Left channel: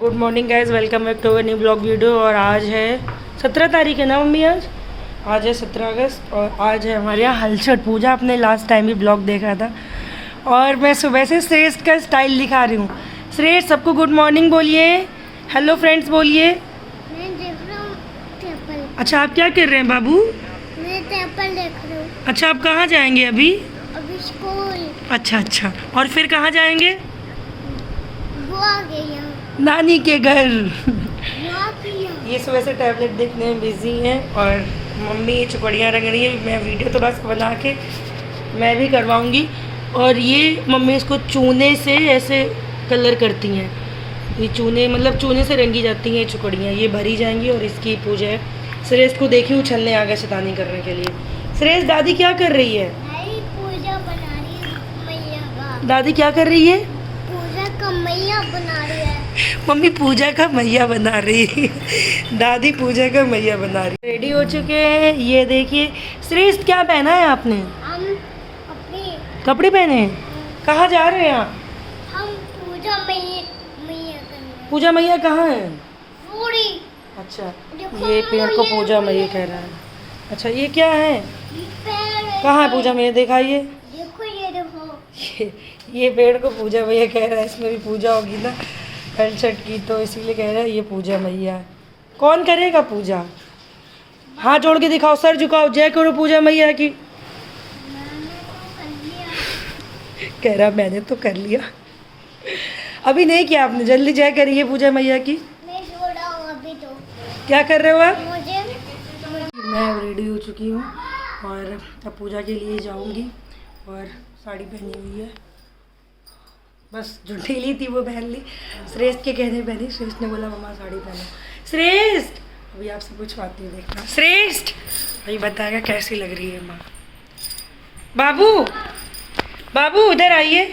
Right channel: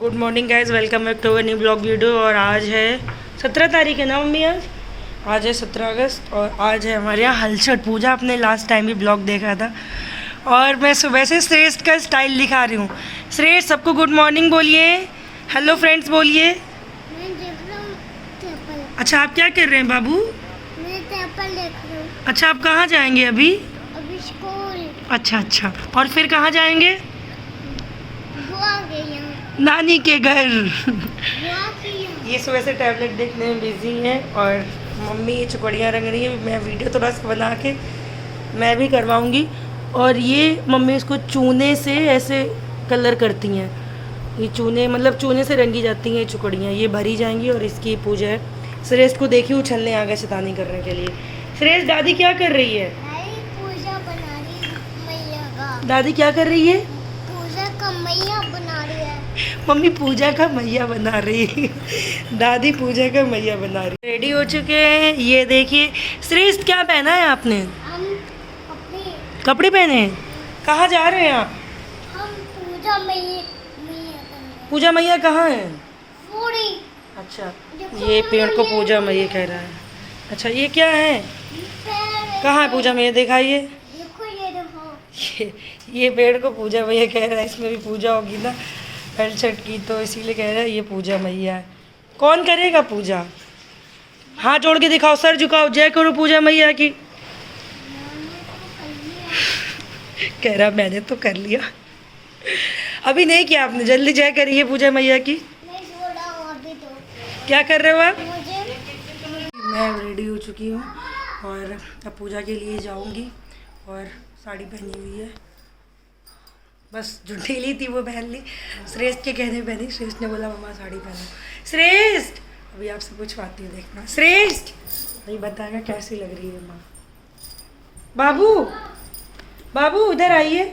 Good morning guys, welcome back to a new blog video. और आज है 17 तारीख है ना मम्मी? आज है 17 अगस्त और आज है हमारे यहाँ हलचट पूजा। आपने लास्ट टाइम भी ब्लॉग देखा था। और मैं सुबह से श्रेष्ठ का स्टाइल दिखा रही हूँ। श्रेष्ठ सबको गुड मॉर्निंग बोलिए, हेलो फ्रेंड्स बोलिए। अच्छा आप क्या कर रहे हैं बाबू? मैं टेबल देख रहा हूँ। अच्छा आप कहाँ जाएंगे अभी? अभी स्कूल। अच्छा और फिर कहाँ जाएंगे? वो आ गई यहाँ। नानी के घर। वो आ गई यहाँ। ये सुबह से टैबलेट देखने में बिजी हैं और मम्मी चुकड़ियाँ रंग रही है। मैं वीडियो थोड़ा सा बना के मैं भी करवाऊँगी। और ये मम्मी इसको चूने से ऐसे कलर करती हैं। ये चूने मतलब चूने से रंगी जाती हैं चुकड़ियाँ। ये भरी जाएंगी और इसकी पूजा है। श्रेष्ठ को देखी उछलने आ गया शैतानी करने के लिए। श्रेष्ठ दादी क्या कर रही है? भाई पूजा बना रही है मैया का। दादी क्या कर रही है? पूजा का मैया बना रही है। मम्मी पूजा का मैया बना रही है। दादी पूजा का मैया बना रही है। रेडी हो चुके हैं। ये देखिए श्रेष्ठ क्या पहना है आपने? हम अपनी कपड़े पहने हैं। कहाँ जा रहे हैं आप? हम पूजा मैया करने। पूजा मैया कहाँ है? पूरी। अच्छा ये पेड़ को पूजा मैया कह रहा है। अच्छा ये क्या है? कहाँ है पूजा मैया? दिखाइए। देखो ये देखो। ये पेड़ को पूजा मैया कह रहा है। इसमें भी पूजा होगी ना हलचट की, तो इसीलिए कह रहा है ये पूजा मैया है। कौन करेगा पूजा? हाथ जोड़ के दिखाओ, सर झुकाओ, जय करो पूजा मैया की। कह रहा मैंने तो कर लिया। अभी नहीं किया आपने, जल्दी जय करिए पूजा मैया की। मैं छोड़ा हूँ अभी तो। क्या कर रहे हो आप? मुझे मैं रेडी हो चुकी हूँ और अब पूजा के लिए जाऊँगी। और साड़ी पहनी हुई है, बस जो ढीली थी वो पहन ली। श्रेष्ठ के कहने पहनी। श्रेष्ठ ने बोला मम्मा साड़ी पहनो। श्रेष्ठ अभी आपसे पूछवाती है, देखना। श्रेष्ठ अभी बताएगा कैसी लग रही है माँ। बाबू बाबू इधर आइए,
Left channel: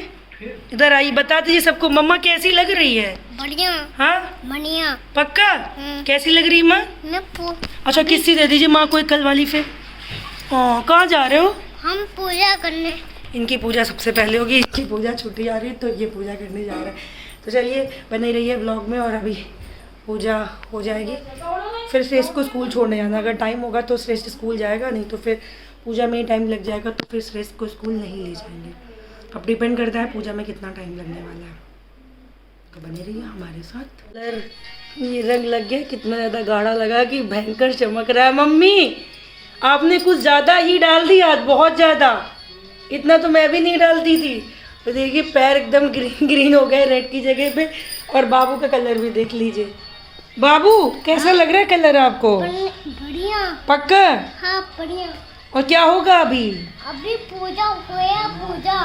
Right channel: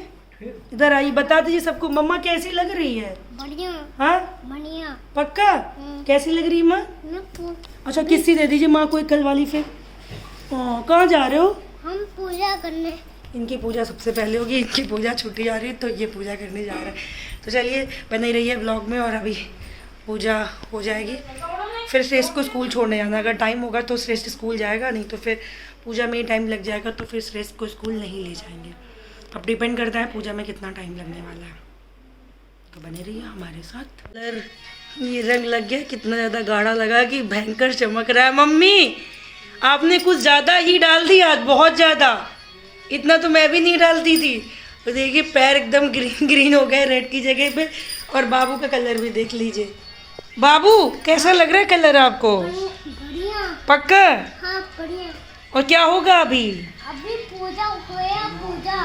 इधर आइए, बता दीजिए सबको मम्मा कैसी लग रही है। बढ़िया। हाँ बढ़िया। पक्का? कैसी लग रही है माँ? मैं अच्छा किस्सी दे दीजिए माँ को एक कल वाली। फिर कहाँ जा रहे हो? हम पूजा करने। इनकी पूजा सबसे पहले होगी। इनकी पूजा छुट्टी जा रही है तो ये पूजा करने जा रहा है। तो चलिए बनी रही है ब्लॉग में और अभी पूजा हो जाएगी। फिर श्रेष्ठ को स्कूल छोड़ने जाना। अगर टाइम होगा तो श्रेष्ठ स्कूल जाएगा, नहीं तो फिर पूजा में ही टाइम लग जाएगा तो फिर श्रेष्ठ को स्कूल नहीं ले जाएंगे। अब डिपेंड करता है पूजा में कितना टाइम लगने वाला है। तो बने रहिए हमारे साथ। कलर ये रंग लग गया, कितना ज़्यादा गाढ़ा लगा कि भयंकर चमक रहा है। मम्मी आपने कुछ ज़्यादा ही डाल दिया, बहुत ज़्यादा। इतना तो मैं भी नहीं डालती थी। तो देखिए पैर एकदम ग्रीन ग्रीन हो गए रेड की जगह पे। और बाबू का कलर भी देख लीजिए। बाबू कैसा लग रहा है कलर आपको? बढ़िया। पक्का? हाँ बढ़िया। और क्या होगा अभी? अभी पूजा होया पूजा।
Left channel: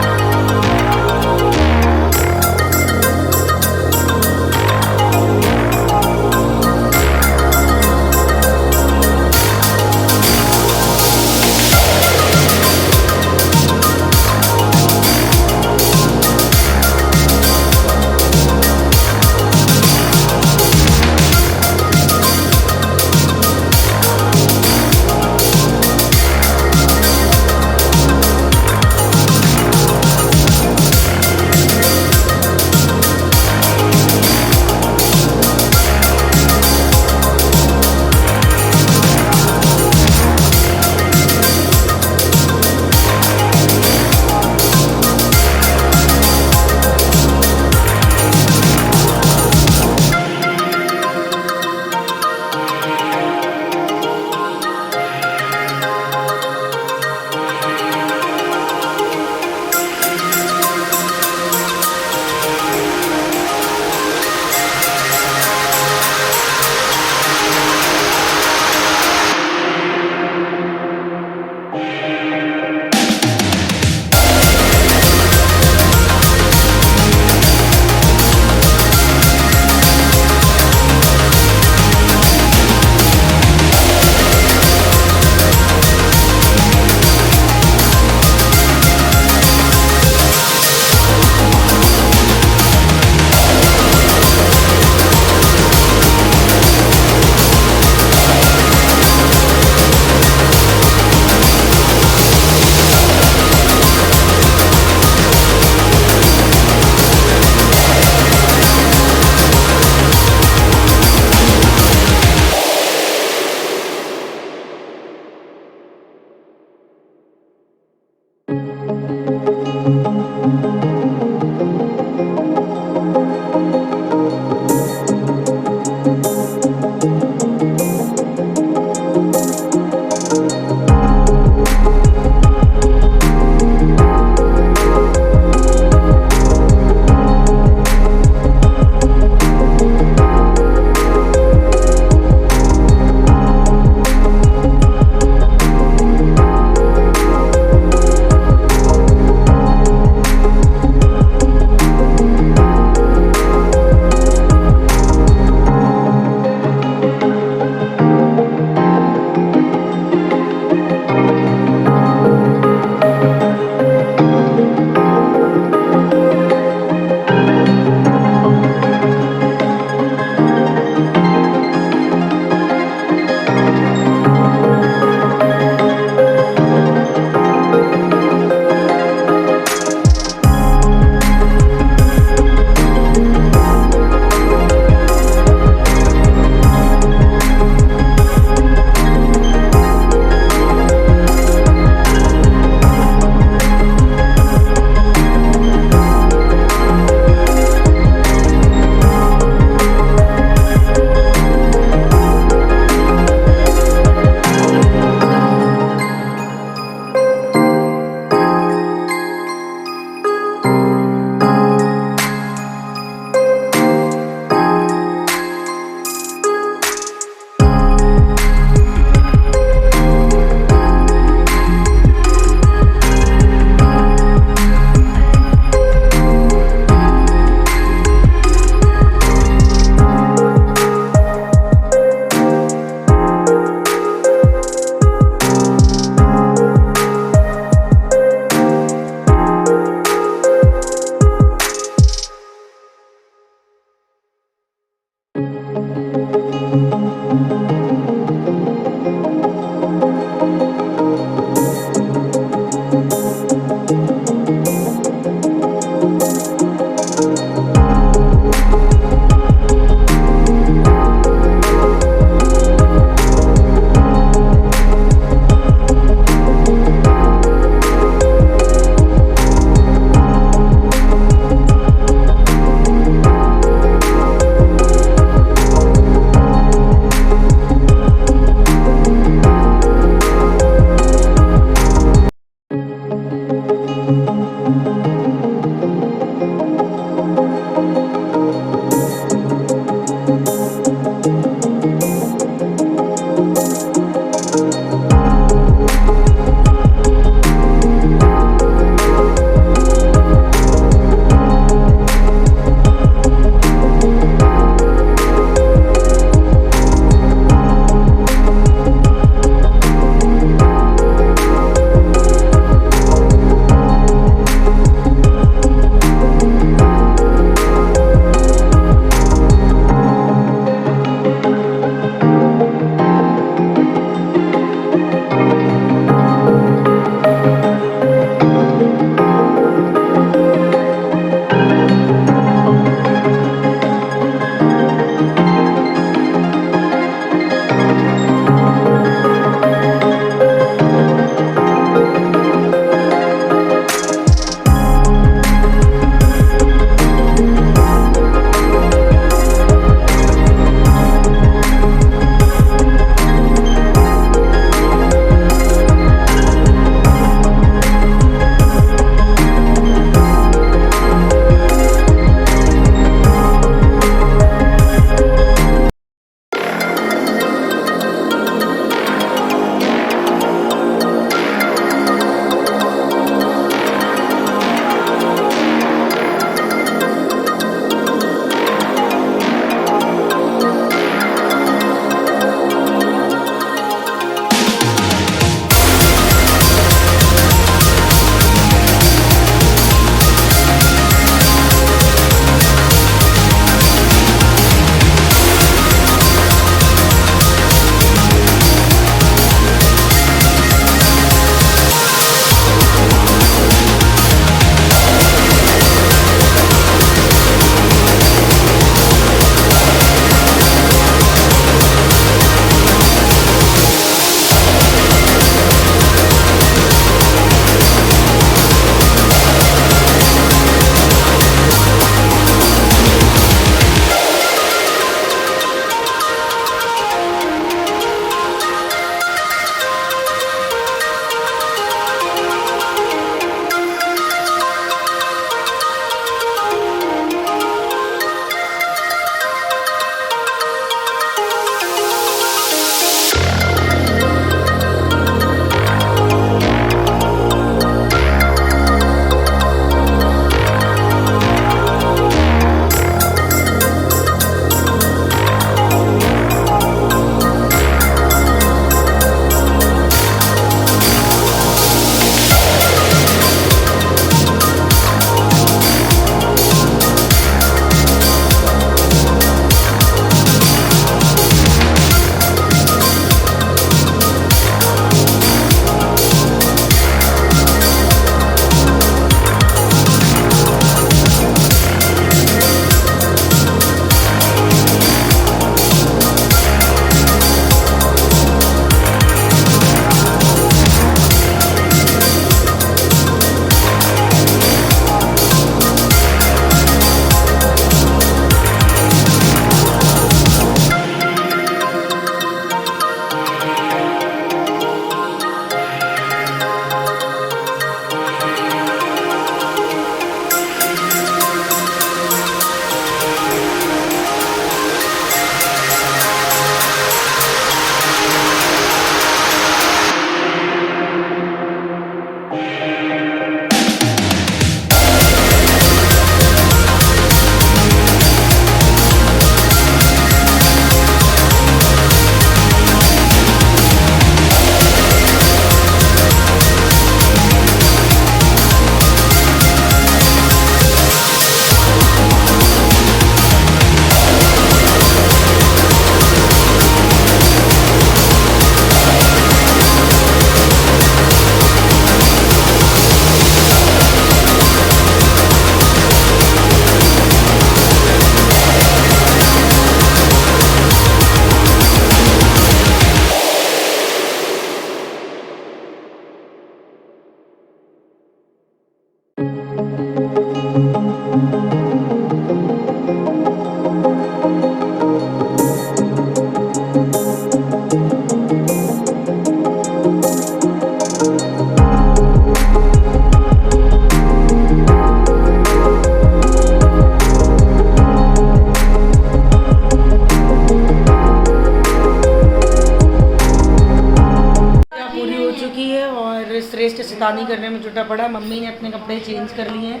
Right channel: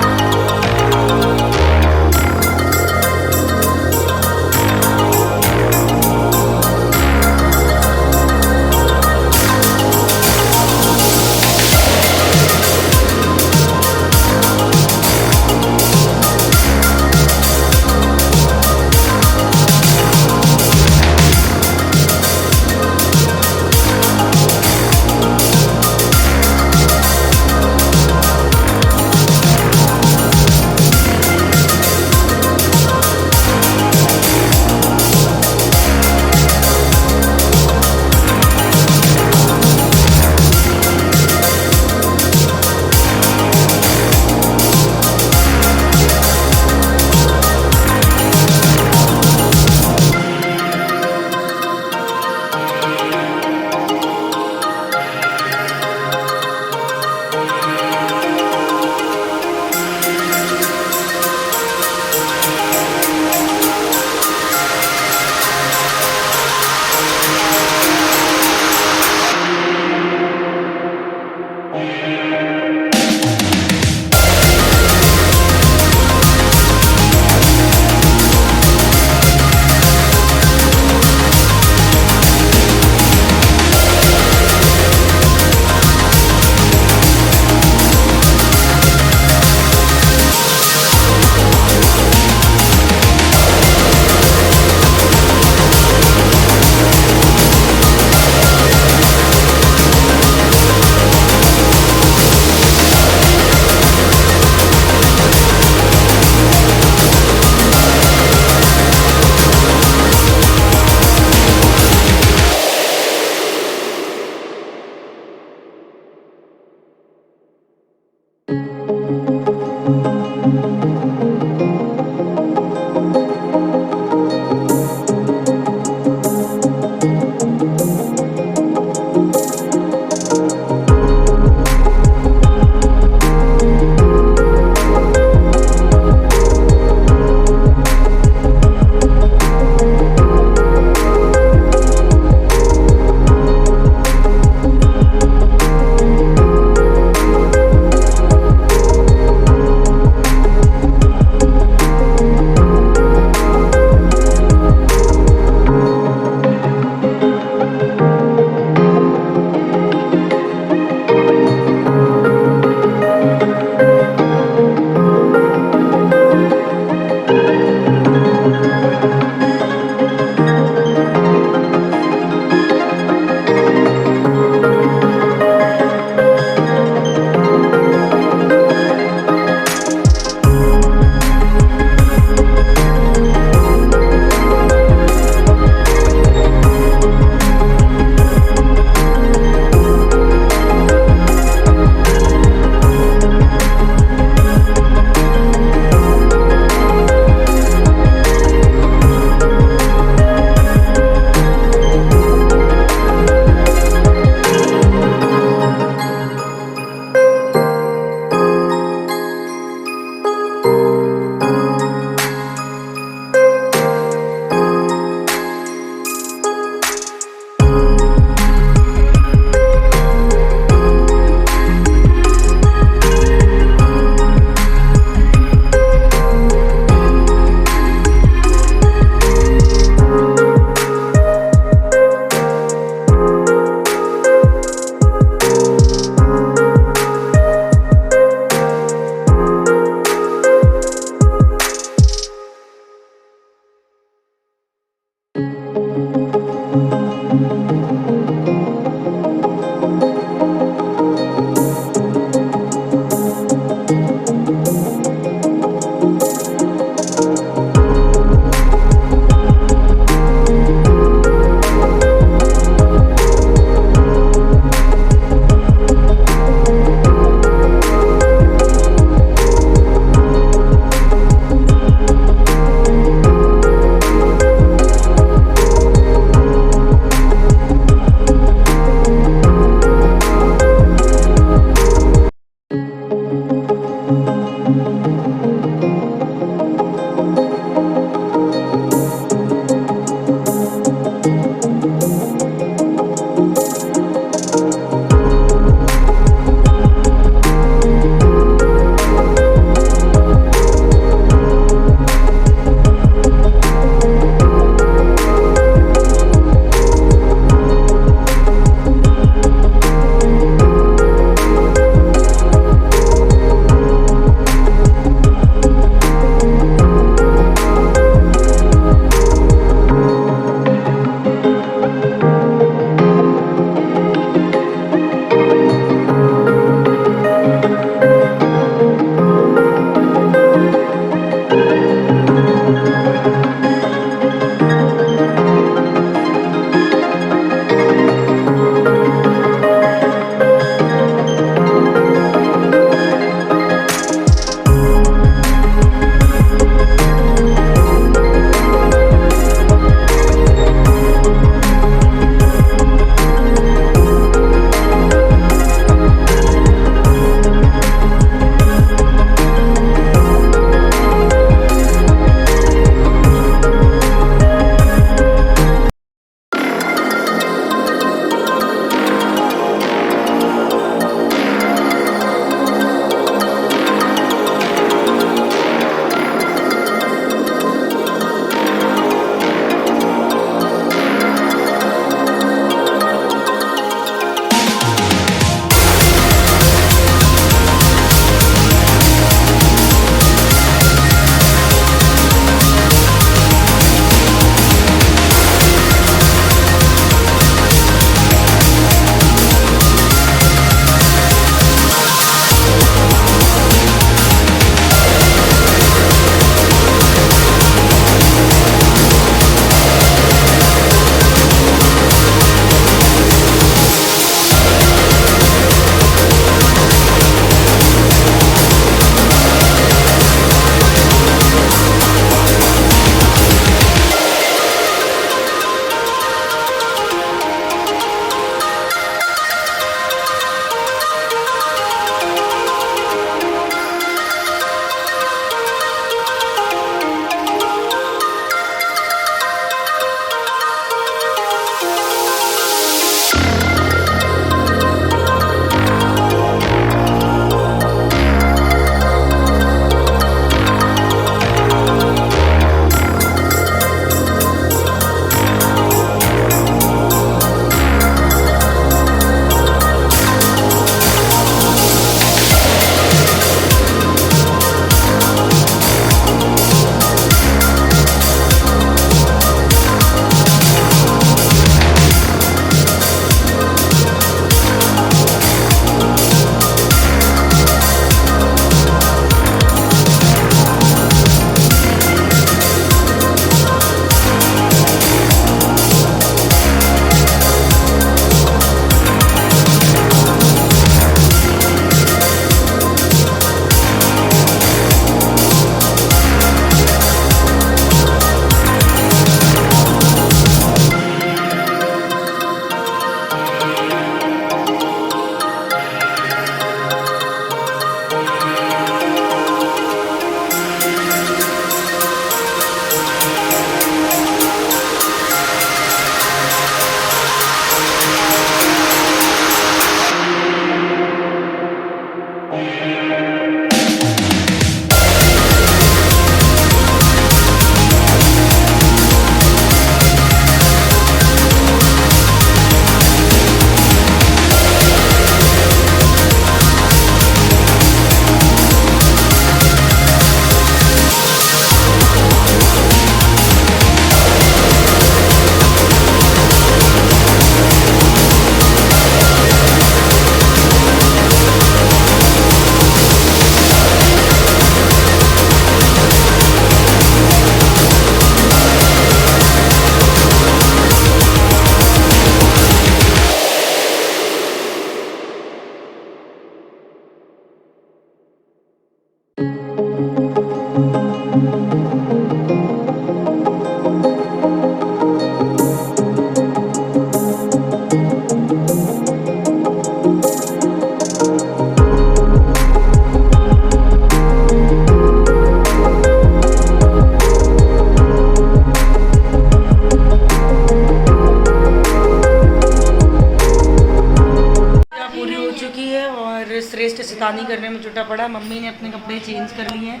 शैतानी करने में जुटा पड़ा। मम्मी ने अपने कपड़े चेंज कर लिए हैं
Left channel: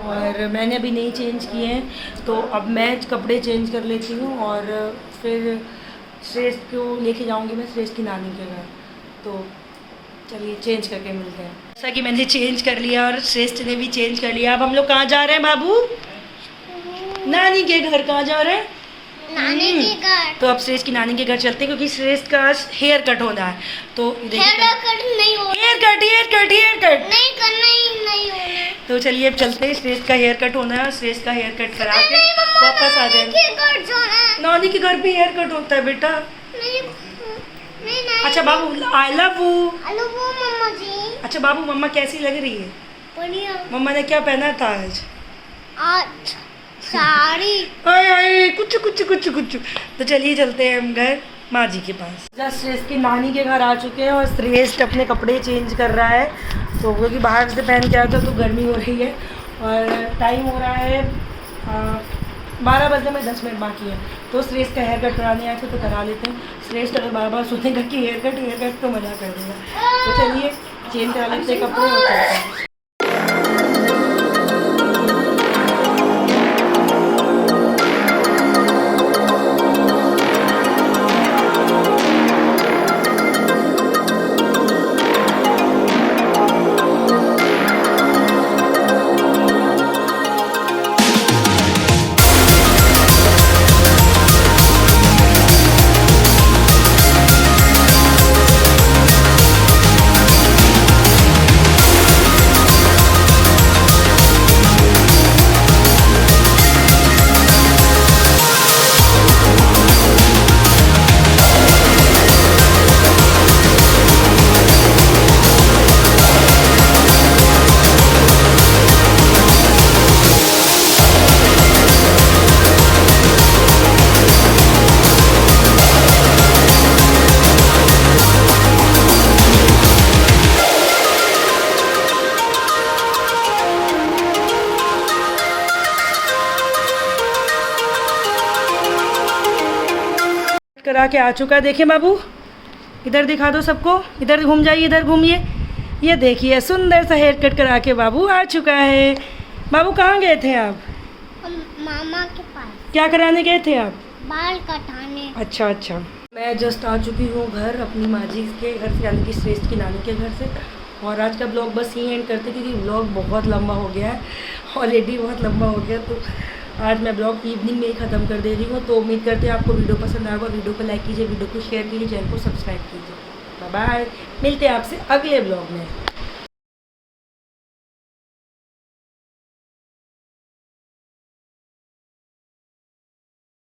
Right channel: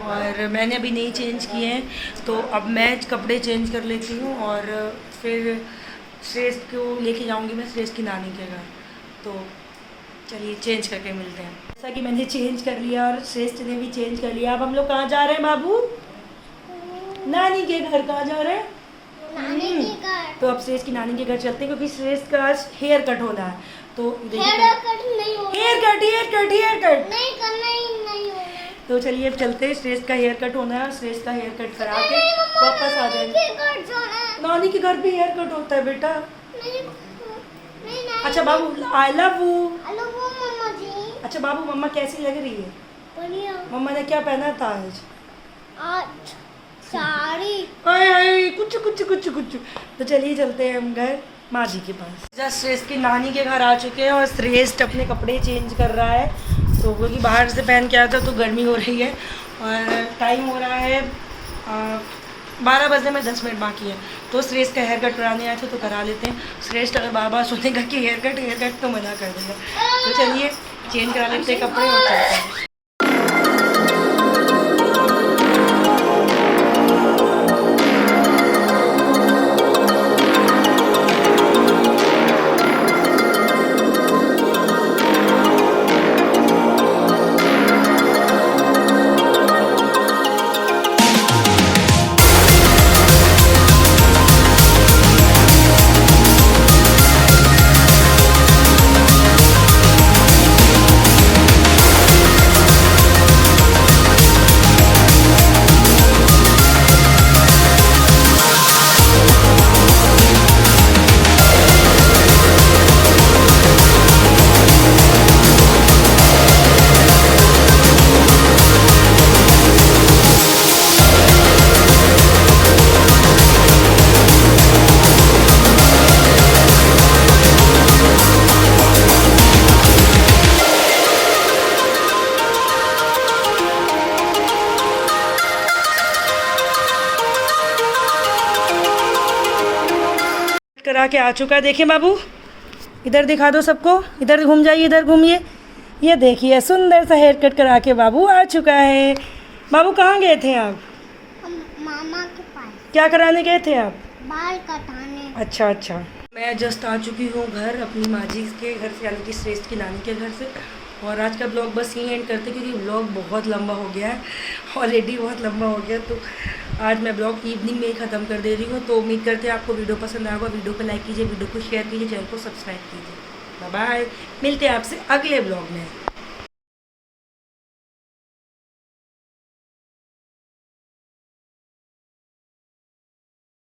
और मैंने अभी नहीं चेंज किए हैं, तो अब मैं कपड़े चेंज कर लेती हूँ और फिर श्रेष्ठ को लेके जाऊँगी मैं श्रेष्ठ की नानी के घर। तो चलिए चेंज करके मिलते हैं। जैसा कि मैंने चेंज कर लिया और श्रेष्ठ ने भी चेंज कर लिया। अब हम लोग कहाँ जा रहे हैं बाबू? नानी के घर। कहाँ जा रहे हैं? नानी के घर। तो अब श्रेष्ठ की नानी के घर चलते हैं क्योंकि श्रेष्ठ का हेयर कट होना है। तो हेयर कट नहीं होना, हेयर कट नहीं करना ही नहीं होना। तो चलिए अब चलते हैं। श्रेष्ठ का हेयर कट होना है, श्रेष्ठ का हेयर कट करा के नहीं मम्मा, वापस आ जाएंगे। नानी के घर जाना है। नानी के घर भी हेयर कट होता है बेटा। नहीं नहीं। अच्छा बाबू आई लव यू। हेलो वो मम्मा जी। अच्छा बाबू मम्मा कैसी लग रही है? बढ़िया। मम्मा ने क्या पहना था आज? आज साड़ी। हाय कुछ। तो चलिए चलते हैं हम घर माँ जी के पास। जस्ट श्रेष्ठ की नानी के घर आ चुके हैं और श्रेष्ठ अपने कपड़े चेंज कर रहा है, तो क्योंकि बाहर से पहन के आया था तो गर्मी हो रही है और टाइम हो रहा है 12 बजने में 10 मिनट बाकी है। तो श्रेष्ठ का हेयर कट कराने आए थे तो करा लेते हैं। श्रेष्ठ अगर बार बार सुनेगा कि हेयर कट तो मजा कर देगा। तो चलिए चेंज करा लेते हैं कपड़े और चलते हैं। करा के आ चुका है। देखिए बाबू इधर दिखा दो सबको, इधर घूम जाइए, इधर घूमिए। ये देखिए सुंदर सा हेयर कट करा के बाबू आ चुका है। बाबू कहाँ गए थे आप? हम मामा के पास। क्या कराने गए थे आप? बाल कटाने। अच्छा। मैं जस्ट आ चुकी हूँ घर अपनी माँ जी के घर से, यानी कि श्रेष्ठ की नानी के घर से। और आज का ब्लॉग बस यहीं एंड करते क्योंकि ब्लॉग बहुत लंबा हो गया है, ऑलरेडी बहुत लंबा हो गया। तो आज मैं ब्लॉग इवनिंग में ही ख़त्म कर दे रही हूँ। तो उम्मीद करते हैं आपको वीडियो पसंद आएगा। वीडियो को लाइक कीजिए, वीडियो को शेयर कीजिए, चैनल को सब्सक्राइब कीजिए। बाय बाय, मिलते हैं आपसे अगले ब्लॉग में।